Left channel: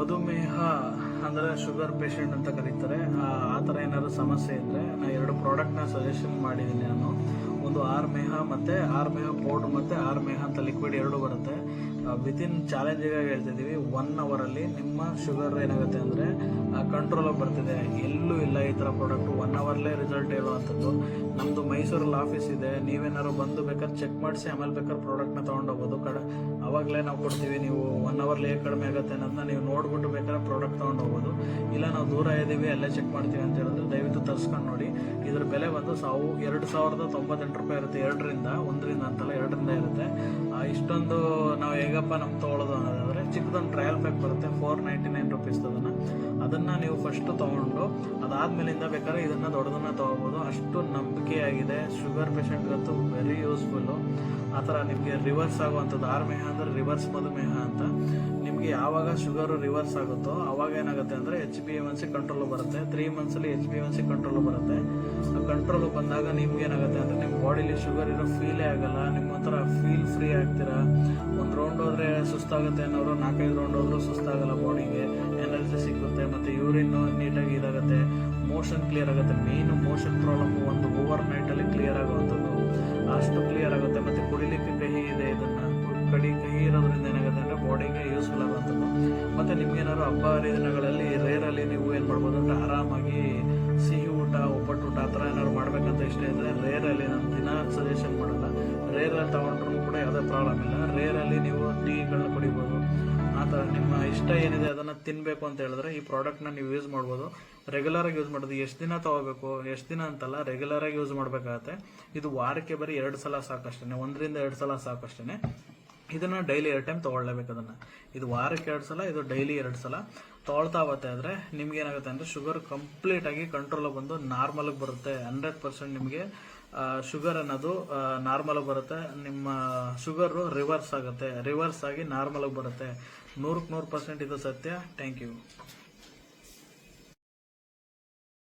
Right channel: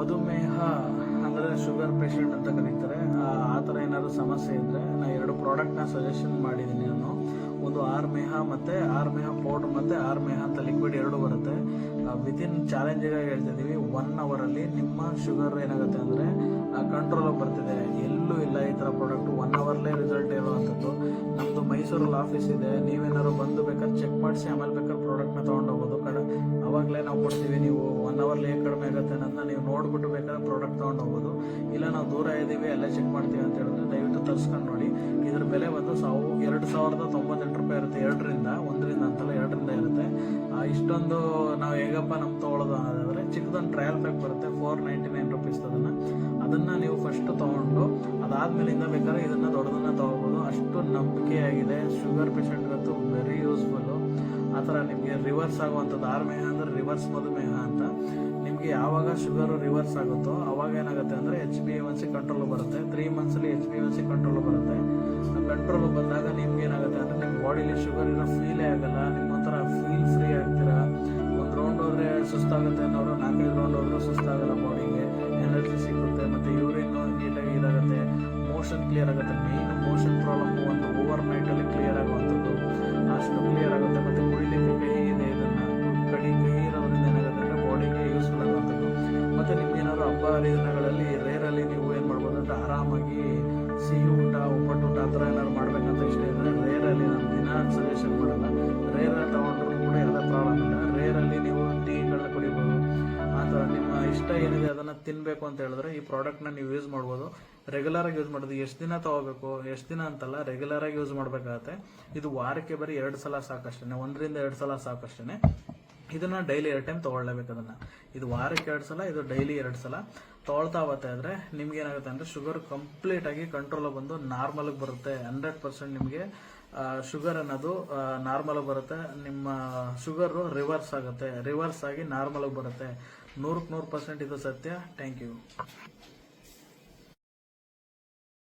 ಮಧುಮೇಹ ಅಂದರೆ sugar patient ಅಂತ ಕರೀತಾರೆ. ಆ ಥರ ಏನಾದರೂ ಸಮಸ್ಯೆ ಇದ್ದರೆ ನಾನು 2 ಪ್ರಾಡಕ್ಟ್ನ ಸಜೆಷನ್ ಮಾಡಿದ್ದೀನಿ ನಾನು. ಒಂದು ಆರ್ಮೇಹ ಮತ್ತು ಆರ್ಮೇಹ ಪೌಡ್ರ್ ಮತ್ತು ಆರ್ಮೇಹ ಅಂತ ಲಿಕ್ವಿಡ್ 2 ಬರುತ್ತೆ. ವಿತಿನ್ ಚಾಲೆಂಜಿಗಾಗಿ ಹೇಳ್ತಿದ್ದೀವಿ, 1 ಅವರಲ್ಲಿ ನಿಮ್ಮ ಶುಗರ್ ಏನಾಗುತ್ತೆ ಅಂದರೆ ಕಂಟ್ರೋಲಾಗಿ ಬರ್ತಿದೆ. ಎಲ್ಲೂ ಇಲ್ಲ ಈ ಥರ ಪ್ರಾಡಕ್ಟು. 1 ಅವರ್ಲೇ ರಿಸಲ್ಟ್ ಹೇಳುವಂಥದ್ದು. ನಮ್ಮದು ಮೈಸೂರಲ್ಲಿ ಆಫೀಸ್ ಇದೆ. ನೀವೇನಾದ್ರು ಬಂದು ಬೇಕಾದ್ರೆ ಚೆಕ್ ಮಾಡಿಸಿ ಆಮೇಲೆ ಬೇಕಾದ್ರೆ ಪ್ರಾಡಕ್ಟ್ನ ತೊಗೊಂಡೋಗ್ಬೋದು. ಅವಾಗಲೇ ನಾವು ಕೊಡ್ತೀವಿ. ನೀವು 1 ಅವರ್ಲಿ ಹೇಗೆ ಕಡಿಮೆ ಆಗುತ್ತೆ ಅನ್ನೋದನ್ನ ನೀವು ನೋಡ್ಬಿಟ್ಟು ಬೇಕಾದ್ರೆ ಪ್ರಾಡಕ್ಟ್ ತೊಗೊಂಡೋಗ್ಬೋದು. ಇಲ್ಲ ನಾವು ದೂರ ಇದ್ದೀವಿ ಅಲ್ಲೇ ಚೆಕ್ ಮಾಡ್ತೀವಿ ಅಂತ ಹೇಳಿದ್ರೆ ದಯವಿಟ್ಟು ತರಿಸ್ಕೊಂಡು ನೋಡಿ. ಇದ್ರ ಬೆಲೆ ಬಂದು 2098 ರೂಪಾಯಿ ಇರುತ್ತೆ. 1ರಿಂದ ಅಂತಲ್ಲ 2ರಿಂದ ಇರುತ್ತೆ. ಇಷ್ಟೊಂದು ನಾವು ಹೇಗಪ್ಪ ನಮ್ಗೆ ತೊಗೊಳ್ಳೋದು ಅನ್ನೋದಾದರೆ ಚಿಕ್ಕದೊಂದು ಟ್ರಯಲ್ ಪ್ಯಾಕ್ ಬರುತ್ತೆ, 499 ರುಪೀಸ್. ಅದನ್ನು ನೀವು ಫಸ್ಟು ತೊಗೊಂಡು ಅದಾದಮೇಲಿಂದ ಬೇಕಾದ್ರೆ ಇದನ್ನು ದೊಡ್ಡದನ್ನು ತೊಗೋಬೋದು. ಅಷ್ಟು ನಂಬಿಕೆಯಾಗಿದೆ. ಶುಗರ್ ಪೇಷಂಟ್ಗಂತೂ ವೆರಿ ಯೂಸ್ಫುಲ್ಲು. ಆ ಥರ ನಿಮಗೆ ರಿವರ್ಸ್ ಆಗುವಂಥದ್ದು. ಆರ್ಮೇಹ ಅಂದರೆ ರಿವರ್ಸ್ ಮಧುಮೇಹ ಅಂತ. ನಿಮಗೆ ಯಾವಾಗ ಶುಗರು ರಿವರ್ಸ್ ಆಗುತ್ತೋ ಅವಾಗ ಏನಾಗುತ್ತೆ ಅಂದರೆ HbA1c ಕಂಟ್ರೋಲ್ ಬರುತ್ತೆ. 3 ಮಂತ್ಸಲ್ಲಿ HbA1c ಕಂಟ್ರೋಲ್ ಬರುತ್ತೆ. ಆ ಕಂಟ್ರೋಲ್ ಬಂದಾಗ ನಿಮ್ಗೆ ಏನಾಗುತ್ತೆ ಅಂದರೆ ನಿಮ್ಮ ಬಾಡಿಲಿ ಶುಗರ್ ಇರೋ ಫೀಲೇ ಆಗಲ್ಲ. ನಿಮ್ಮ ಒಂಥರ ಫೀಲ್ ಫ್ರೀ ಆಗ್ತೀರಾ. 1 ರೌಂಡ್ ಹೋದರೆ ಸುಸ್ತಾಗುತ್ತೆ ಅನ್ನೋರು 4-5 ರೌಂಡ್ ಹೋದರೂ ಸುಸ್ತಾಗಲ್ಲ. ಬಾಡಿಗೆ ಎನರ್ಜಿ ಸಿಗುತ್ತೆ. ಮತ್ತು ಯೂರಿನ್ನು ನೀಟಾಗಿ ಇದಾಗುತ್ತೆ. ಮೋಷನ್ ಕ್ಲಿಯರ್ ಆಗುತ್ತೆ. ಮೇಯ್ನು ಮೋಷನ್ ಪ್ರಾಬ್ಲಮ್ಮು ಒಂದು ಓವರ್ ನೈಟಲ್ಲಿ ಕ್ಲಿಯರ್ ಆಗುವಂಥದ್ದು. ಅಷ್ಟು ಕ್ಲಿಯರ್ ಆಗುತ್ತೆ. ಮತ್ತು ಕುಡಿಲಿಕ್ಕೆ ಕಹಿ ಇದೆ. ಇದನ್ನು ಕಹಿ ಇರೋದ್ರಿಂದ ಏನಾಗುತ್ತೆ ಅಂದರೆ ಬಾಡಿಗೆ ಯೂಸ್ಫುಲ್ ಆಗುವಂಥದ್ದು. ಮತ್ತು ನಿಮ್ಗೇನಾದ್ರು ಹಬ್ಬ ಹರಿದಿನಗಳಲ್ಲಿ ರೇರಲ್ಲಿ ನೀವು ಏನು ಮಾಡ್ಬೋದು ಅಂದರೆ ಆರಾಮಾಗಿ ಸಿಹಿ ಊಟ, ಒಬ್ಬಟ್ಟು ಊಟ ಆ ಥರ ಏನಾದ್ರು ಮಾಡಬೇಕಂತ ಇಷ್ಟ ಇದ್ದರೆ ರೇರಲ್ಲಿ ನಾನು ದಿನ ಸಜೆಷನ್ ಮಾಡಲ್ಲ. ರೇರಲ್ಲಿ ತೊಗೊಂಡ್ರೂ ಕೂಡ ಯಾವುದೇ ಪ್ರಾಬ್ಲಮ್ ಇಲ್ಲ. ರೇರಲ್ಲಿ ನೀವು ಟೀಗಳನ್ನ ಕುಡಿಬೋದು. ಆ ಥರ ನಿಮ್ಮ ಇಷ್ಟ ಏನಿದೆ ಅದನ್ನು ತಿನ್ನಬೇಕು ಅಂತ ಹೇಳಿದ್ರೆ ಈ ಪ್ರಾಡಕ್ಟ್ನ ನೀವು ಯೂಸ್ ಮಾಡ್ಬೋದು. ರೆಗ್ಯುಲರಾಗಿ ಯೂಸ್ ಮಾಡೋದು. ಎಷ್ಟು ದಿನ ತೊಗೋಬೇಕು, ಎಷ್ಟು ದಿನ ಅಂತಲ್ಲ, ರೆಗ್ಯುಲರಾಗಿ ಯೂಸ್ ಮಾಡಬೇಕಾಗತ್ತೆ. ಇದು ವಾರಕ್ಕೆ ಬರೀ 2 ಸಲ ಸಾಕಷ್ಟೇ. 1ರಿಂದ 2 ಸಲ ಸಾಕಷ್ಟೇ. ಇದನ್ನು ಡೈಲಿ 2 ಟೈಮ್ ತೊಗೊಳ್ಲೇಬೇಕು. ಅದನ್ನು ಇದು ವಾರಕ್ಕೆ 2 ಸಲ, ಇದು ಡೈಲಿ 2 ಸಲ ತೊಗೊಳ್ತಾ ಹೋಗುತ್ತೆ ಅಂದರೆ ನಿಮ್ಗೇನಾಗುತ್ತೆ ಅಂದರೆ ಶುಗರ್ ಕಂಪ್ಲೀಟಾಗಿ ಕಂಟ್ರೋಲ್ ಬಂದು ನಾರ್ಮಲ್ಗೆ ಬರುತ್ತೆ. 100% ನಿಮಗೆ ಶುಗರ್ ಅನ್ನೋದು ನಾರ್ಮಲ್ಗೆ ಬರುತ್ತೆ. ನಿಮ್ಮ ಶುಗರು ರಿವರ್ಸ್ ಆಗುತ್ತೆ. ರಿವರ್ಸ್ ಆಗಿ ನಾರ್ಮಲ್ಗೆ ಬರುತ್ತೆ. 100% ಇದು ಸತ್ಯ. Thank you.